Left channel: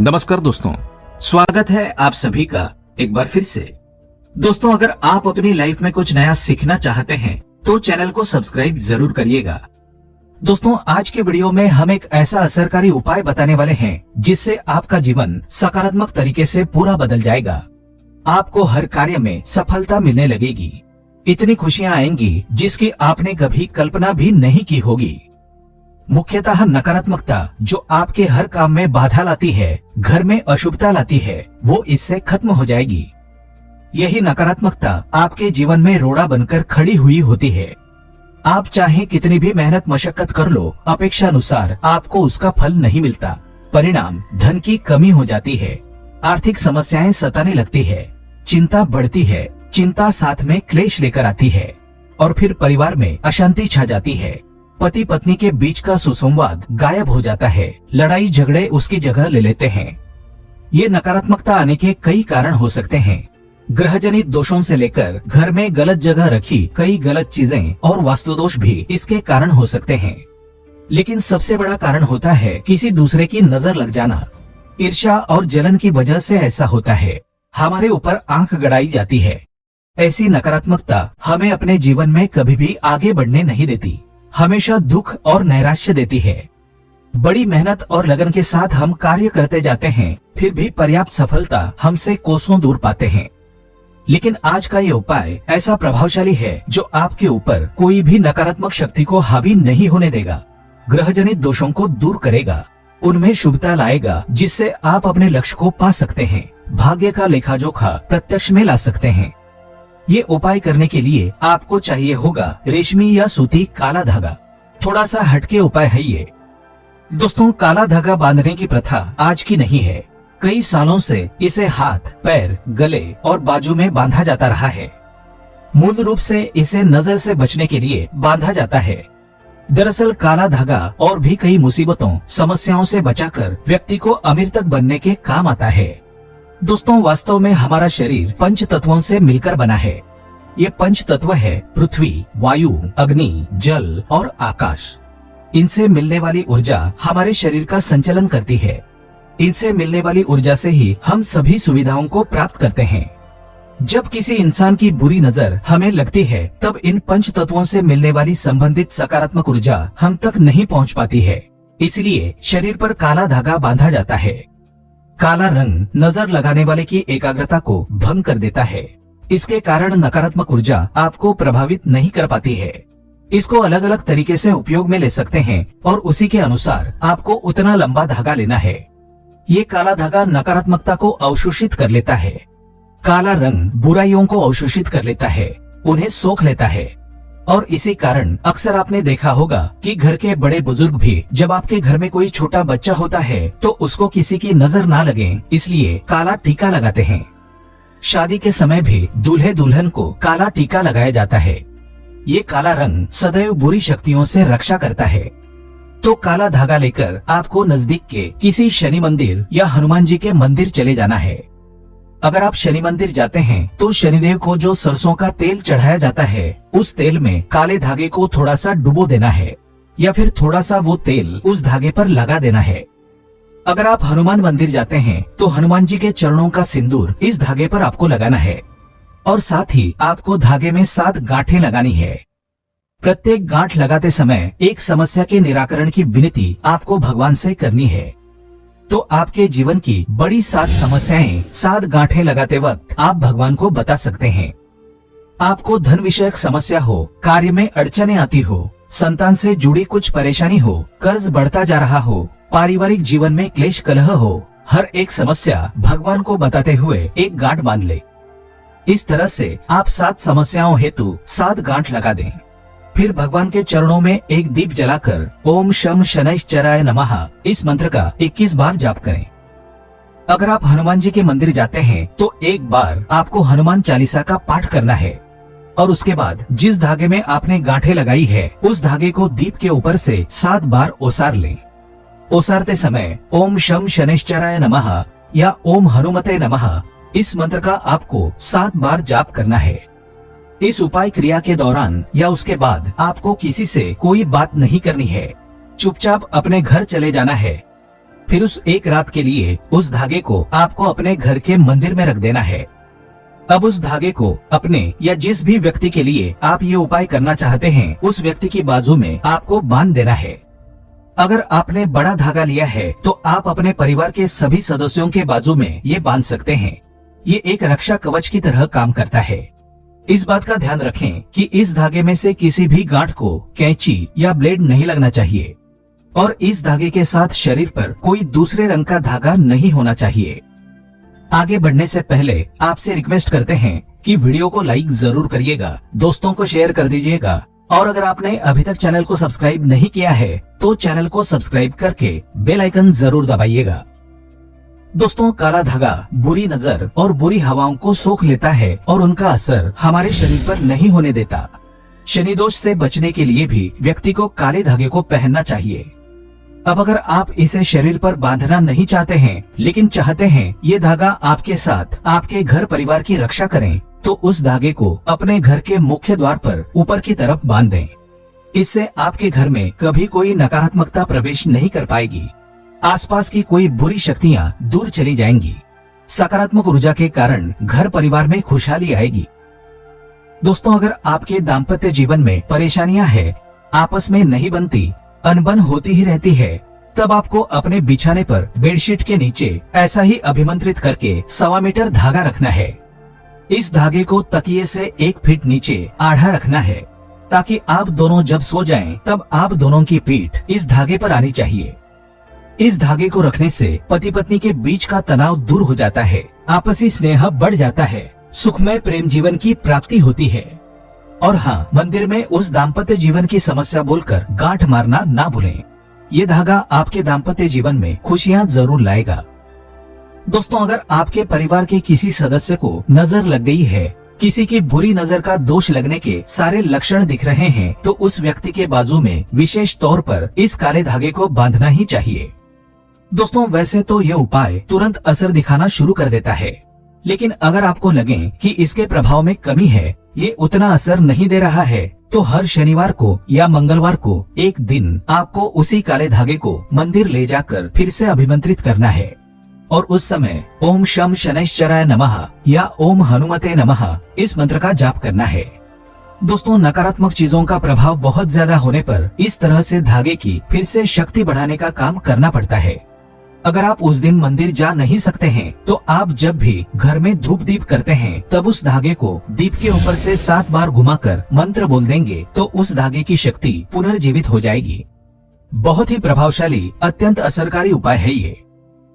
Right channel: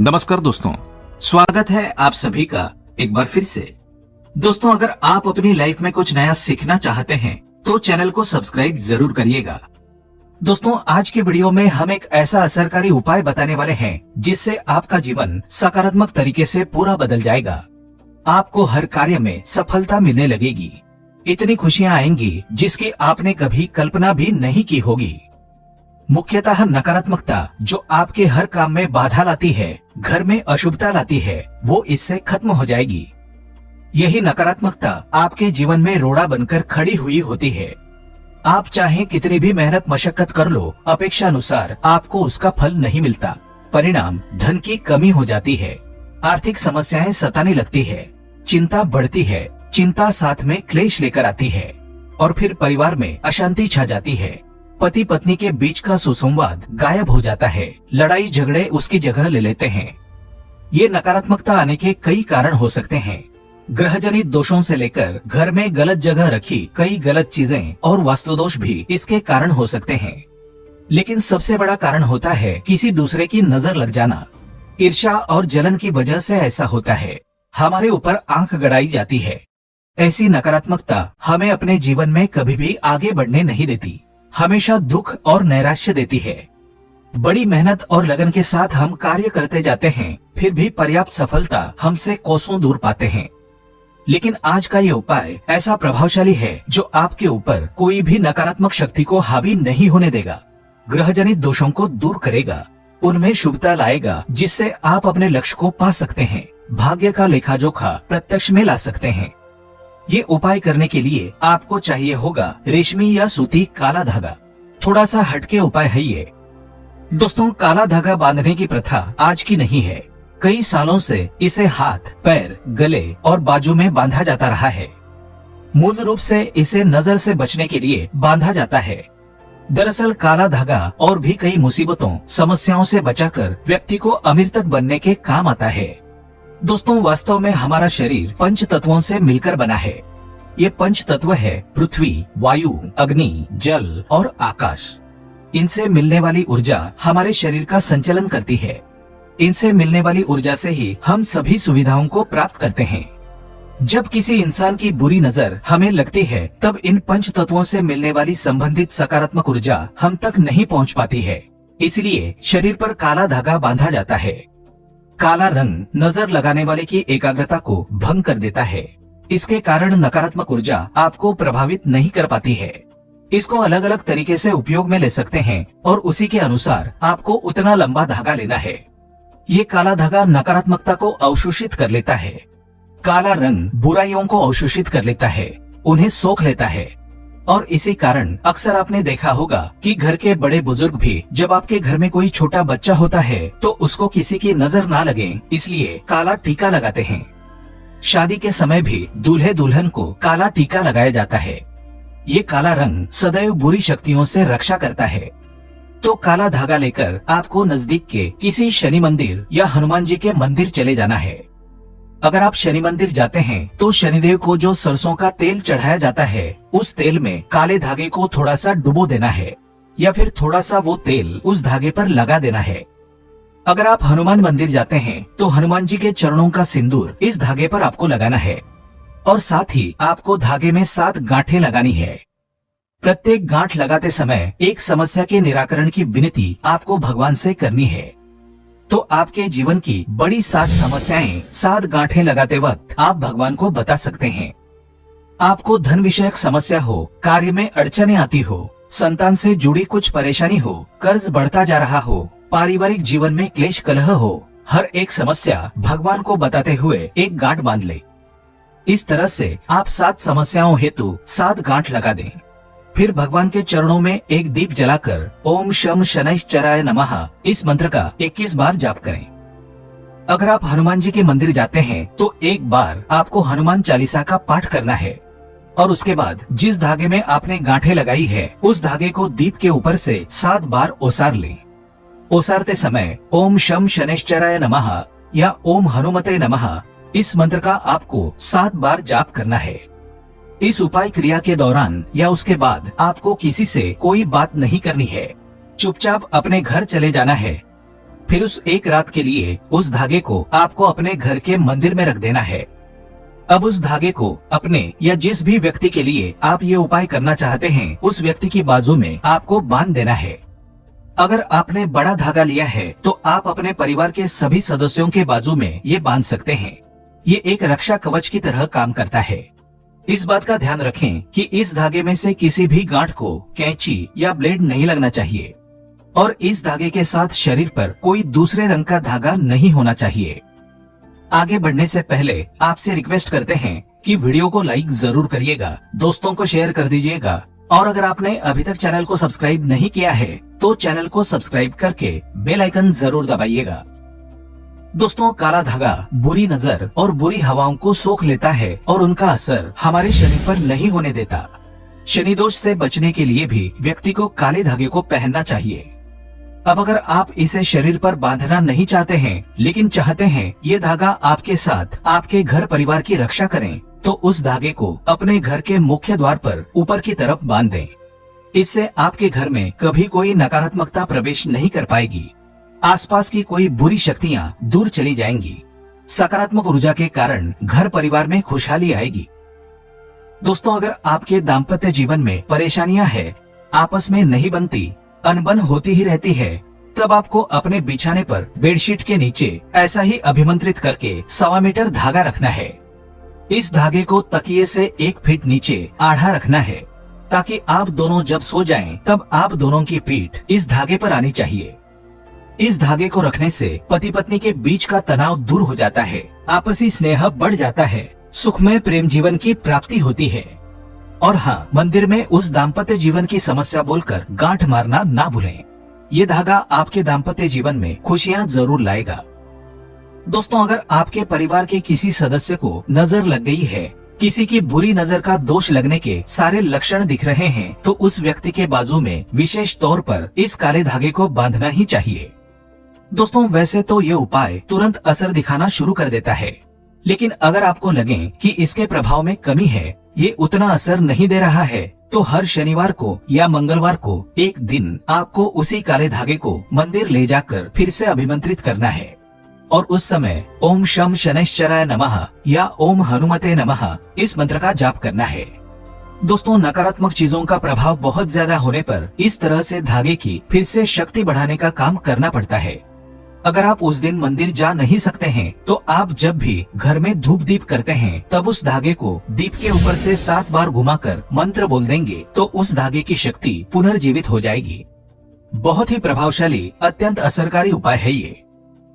नमस्कार दोस्तों, स्वागत है आप सभी का एक बार फिर से। दोस्तों, अगर आप अपनी लाइफ में कुछ नया सीखना चाहते हैं तो चैनल को सब्सक्राइब जरूर करिएगा। दोस्तों, आज के वीडियो में हम एक ऐसा असरकारी उपाय बताने वाले हैं जिससे आपका जीवन सकारात्मक तरीके से पूरा बदल जाएगा। आपको हर कार्य में सफलता मिलने लगेगी, इतनी खुशियां आएंगी जिसकी आपने कभी कल्पना भी नहीं की होगी। मुख्यतः नकारात्मकता जो आपके हर काम में बाधा लाती है, घर में अशुभता लाती है, वो इससे खत्म हो जाएगी। यही नकारात्मकता आपके जीवन में रोड़ा बनकर खड़ी हुई होती है। आप चाहे कितनी भी मेहनत मशक्कत कर लो, अपेक्षा अनुसार आपको उसका फल नहीं मिलता। परिणाम धन की कमी हो जाती है, आर्थिक समस्याएं सताने लगती है, चिंता बढ़ती है, चिंता साथ में क्लेश लेकर आती है और फिर परिवार में अशांति छा जाती है। पति पत्नी के बीच का सुसंवाद गायब हो जाता है, लड़ाई झगड़े उसकी जगह ले लेते हैं। ये नकारात्मकता आने के कई कारण हो सकते हैं। ग्रह जनित दोषों से लेकर घर में गलत जगह रखी कई गलत चीजें और वास्तुदोष भी इसके कारण हो सकते हैं। लेकिन सबसे बड़ा कारण होता है किसी दूसरे की नजर लग जाना। ईर्ष्या और जलन की वजह से ऐसा होता है, हमारे ऊपर आंख गड़ाई जाती है। ऐसी नकारात्मकता हमें अपने जीवन में कभी भी आगे बढ़ने नहीं देती, हमेशा दुख और नैराश्य देती है। बड़ी मेहनत और लगन के साथ हम कार्य करते जाते हैं, फिर भी पर्याप्त सफलता हमसे कोसों दूर पाते हैं। लेकिन आज का ये उपाय ऐसा प्रभावशाली है जो आपके ऊपर कोई भी नकारात्मक शक्ति को हावी नहीं होने देगा। ग्रहजनित दोषों को दूर करेगा, उनमें शुभता लाएगा, जिससे आप अपने लक्ष्य को पा सकते हैं, भाग्य का लेखा जोखा प्रत्यक्ष में ला सकते हैं। ये उपाय करने के लिए आपको चाहिए होगा रेशमी या सूती काला धागा। थोड़ा सा हटके उपाय है ये। दोस्तों, काला धागा बांधने की प्रथा आज की नहीं है। कई सालों से इसे हाथ, पैर, गले और बाजू में बांधा जाता रहा है। मूल रूप से इसे नजर से बचने के लिए बांधा जाता है। दरअसल काला धागा और भी कई मुसीबतों, समस्याओं से बचाकर व्यक्ति को अमीर तक बनने के काम आता है। दोस्तों, वास्तव में हमारा शरीर पंच तत्वों से मिलकर बना है। ये पंच तत्व है पृथ्वी, वायु, अग्नि, जल और आकाश। इनसे मिलने वाली ऊर्जा हमारे शरीर का संचालन करती है। इनसे मिलने वाली ऊर्जा से ही हम सभी सुविधाओं को प्राप्त करते हैं। जब किसी इंसान की बुरी नजर हमें लगती है, तब इन पंच तत्वों से मिलने वाली संबंधित सकारात्मक ऊर्जा हम तक नहीं पहुंच पाती है। इसलिए शरीर पर काला धागा बांधा जाता है। काला रंग नजर लगाने वाले की एकाग्रता को भंग कर देता है। इसके कारण नकारात्मक ऊर्जा आपको प्रभावित नहीं कर पाती है। इसको अलग अलग तरीके से उपयोग में ले सकते हैं और उसी के अनुसार आपको उतना लंबा धागा लेना है। ये काला धागा नकारात्मकता को अवशोषित कर लेता है। काला रंग बुराइयों को अवशोषित कर लेता है, उन्हें सोख लेता है। और इसी कारण अक्सर आपने देखा होगा कि घर के बड़े बुजुर्ग भी जब आपके घर में कोई छोटा बच्चा होता है तो उसको किसी की नजर ना लगे, इसलिए काला टीका लगाते हैं। शादी के समय भी दूल्हे दुल्हन को काला टीका लगाया जाता है। ये काला रंग सदैव बुरी शक्तियों से रक्षा करता है। तो काला धागा लेकर आपको नजदीक के किसी शनि मंदिर या हनुमान जी के मंदिर चले जाना है। अगर आप शनि मंदिर जाते हैं तो शनिदेव को जो सरसों का तेल चढ़ाया जाता है, उस तेल में काले धागे को थोड़ा सा डुबो देना है या फिर थोड़ा सा वो तेल उस धागे पर लगा देना है। अगर आप हनुमान मंदिर जाते हैं तो हनुमान जी के चरणों का सिंदूर इस धागे पर आपको लगाना है और साथ ही आपको धागे में 7 गांठें लगानी है। प्रत्येक गांठ लगाते समय एक समस्या के निराकरण की विनती आपको भगवान से करनी है। तो आपके जीवन की बड़ी 7 समस्याएं 7 गांठें लगाते वक्त आप भगवान को बता सकते हैं। आपको धन विषयक समस्या हो, कार्य में अड़चने आती हो, संतान से जुड़ी कुछ परेशानी हो, कर्ज बढ़ता जा रहा हो, पारिवारिक जीवन में क्लेश कलह हो, हर एक समस्या भगवान को बताते हुए एक गांठ बांध ले। इस तरह से आप 7 समस्याओं हेतु 7 गांठ लगा दें। फिर भगवान के चरणों में एक दीप जलाकर ओम शम शनैश्चराय नमः इस मंत्र का 21 बार जाप करें। अगर आप हनुमान जी के मंदिर जाते हैं तो एक बार आपको हनुमान चालीसा का पाठ करना है और उसके बाद जिस धागे में आपने गांठें लगाई है, उस धागे को दीप के ऊपर से 7 बार ओसार लें। ओसारते समय ओम शम शनैश्चराय नमः या ओम हनुमते नमः इस मंत्र का आपको 7 बार जाप करना है। इस उपाय क्रिया के दौरान या उसके बाद आपको किसी से कोई बात नहीं करनी है, चुपचाप अपने घर चले जाना है। फिर उस एक रात के लिए उस धागे को आपको अपने घर के मंदिर में रख देना है। अब उस धागे को अपने या जिस भी व्यक्ति के लिए आप ये उपाय करना चाहते हैं उस व्यक्ति की बाजू में आपको बांध देना है। अगर आपने बड़ा धागा लिया है तो आप अपने परिवार के सभी सदस्यों के बाजू में ये बांध सकते हैं। ये एक रक्षा कवच की तरह काम करता है। इस बात का ध्यान रखें कि इस धागे में से किसी भी गांठ को कैंची या ब्लेड नहीं लगना चाहिए और इस धागे के साथ शरीर पर कोई दूसरे रंग का धागा नहीं होना चाहिए। आगे बढ़ने से पहले आपसे रिक्वेस्ट करते हैं कि वीडियो को लाइक जरूर करिएगा, दोस्तों को शेयर कर दीजिएगा और अगर आपने अभी तक चैनल को सब्सक्राइब नहीं किया है तो चैनल को सब्सक्राइब करके बेल आइकन जरूर दबाइएगा। दोस्तों, काला धागा बुरी नजर और बुरी हवाओं को सोख लेता है और उनका असर हमारे शरीर पर नहीं होने देता। शनि दोष से बचने के लिए भी व्यक्ति को काले धागे को पहनना चाहिए। अब अगर आप इसे शरीर पर बांधना नहीं चाहते हैं लेकिन चाहते हैं ये धागा आपके साथ आपके घर परिवार की रक्षा करें, तो उस धागे को अपने घर के मुख्य द्वार पर ऊपर की तरफ बांध दें। इससे आपके घर में कभी कोई नकारात्मकता प्रवेश नहीं कर पाएगी। आसपास की कोई बुरी शक्तियाँ दूर चली जाएंगी। सकारात्मक ऊर्जा के कारण घर परिवार में खुशहाली आएगी। दोस्तों, अगर आपके दाम्पत्य जीवन में परेशानियां हैं, आपस में नहीं बनती, अनबन होती ही रहती है, तब आपको अपने बिछाने पर बेडशीट के नीचे ऐसा ही अभिमंत्रित करके 1.25 मीटर धागा रखना है। इस धागे को तकिए से 1 फीट नीचे आढ़ा रखना है ताकि आप दोनों जब सो जाएं, तब आप दोनों की पीठ इस धागे पर आनी चाहिए। इस धागे को रखने से पति पत्नी के बीच का तनाव दूर हो जाता है, आपसी स्नेह बढ़ जाता है, सुखमय प्रेम जीवन की प्राप्ति होती है। और हाँ, मंदिर में उस दाम्पत्य जीवन की समस्या बोलकर गांठ मारना ना भूलें। ये धागा आपके दाम्पत्य जीवन में खुशियाँ जरूर लाएगा। दोस्तों, अगर आपके परिवार के किसी सदस्य को नजर लग गई है, किसी की बुरी नजर का दोष लगने के सारे लक्षण दिख रहे हैं, तो उस व्यक्ति के बाजू में विशेष तौर पर इस काले धागे को बांधना ही चाहिए। दोस्तों, वैसे तो ये उपाय तुरंत असर दिखाना शुरू कर देता है, लेकिन अगर आपको लगे कि इसके प्रभाव में कमी है, ये उतना असर नहीं दे रहा है, तो हर शनिवार को या मंगलवार को एक दिन आपको उसी काले धागे को मंदिर ले जाकर फिर से अभिमंत्रित करना है और उस समय ओम शम शनैश्चराय नमः या ओम हनुमते नमः इस मंत्र का जाप करना है। दोस्तों, नकारात्मक चीजों का प्रभाव बहुत ज्यादा होने पर इस तरह से धागे की फिर से शक्ति बढ़ाने का काम करना पड़ता है। अगर आप उस दिन मंदिर जा नहीं सकते हैं तो आप जब भी घर में धूप दीप करते हैं तब उस धागे को दीप के ऊपर से 7 बार घुमाकर मंत्र बोल देंगे तो उस धागे की शक्ति पुनर्जीवित हो जाएगी। बहुत ही प्रभावशाली, अत्यंत असरकारी उपाय है ये।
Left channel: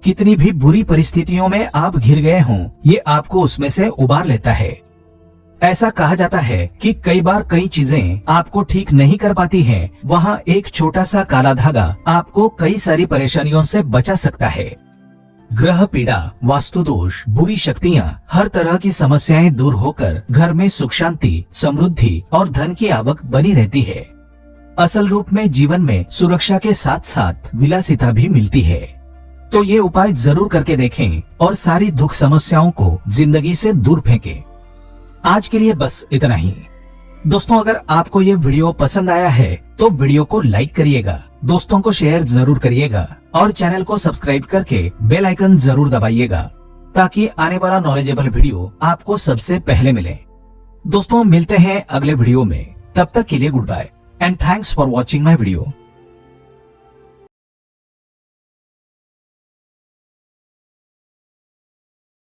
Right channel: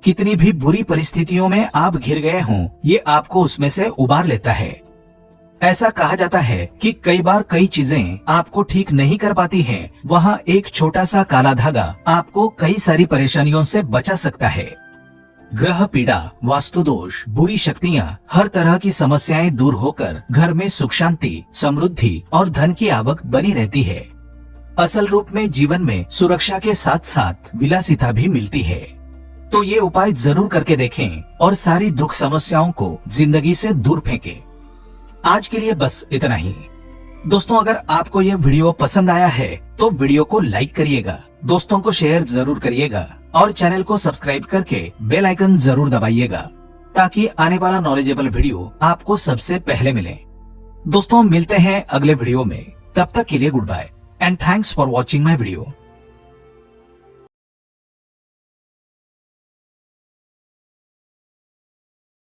कितनी भी बुरी परिस्थितियों में आप घिर गए हों, ये आपको उसमें से उबार लेता है। ऐसा कहा जाता है कि कई बार कई चीजें आपको ठीक नहीं कर पाती हैं, वहाँ एक छोटा सा काला धागा आपको कई सारी परेशानियों से बचा सकता है। ग्रह पीड़ा, वास्तु दोष, बुरी शक्तियाँ, हर तरह की समस्याएं दूर होकर घर में सुख शांति, समृद्धि और धन की आवक बनी रहती है। असल रूप में जीवन में सुरक्षा के साथ साथ विलासिता भी मिलती है। तो ये उपाय जरूर करके देखें और सारी दुख समस्याओं को जिंदगी से दूर फेंकें। आज के लिए बस इतना ही। दोस्तों, अगर आपको ये वीडियो पसंद आया है तो वीडियो को लाइक करिएगा, दोस्तों को शेयर जरूर करिएगा और चैनल को सब्सक्राइब करके बेल आइकन जरूर दबाइएगा ताकि आने वाला नॉलेजेबल वीडियो आपको सबसे पहले मिले। दोस्तों, मिलते हैं अगले वीडियो में, तब तक के लिए good bye and thanks for watching my video.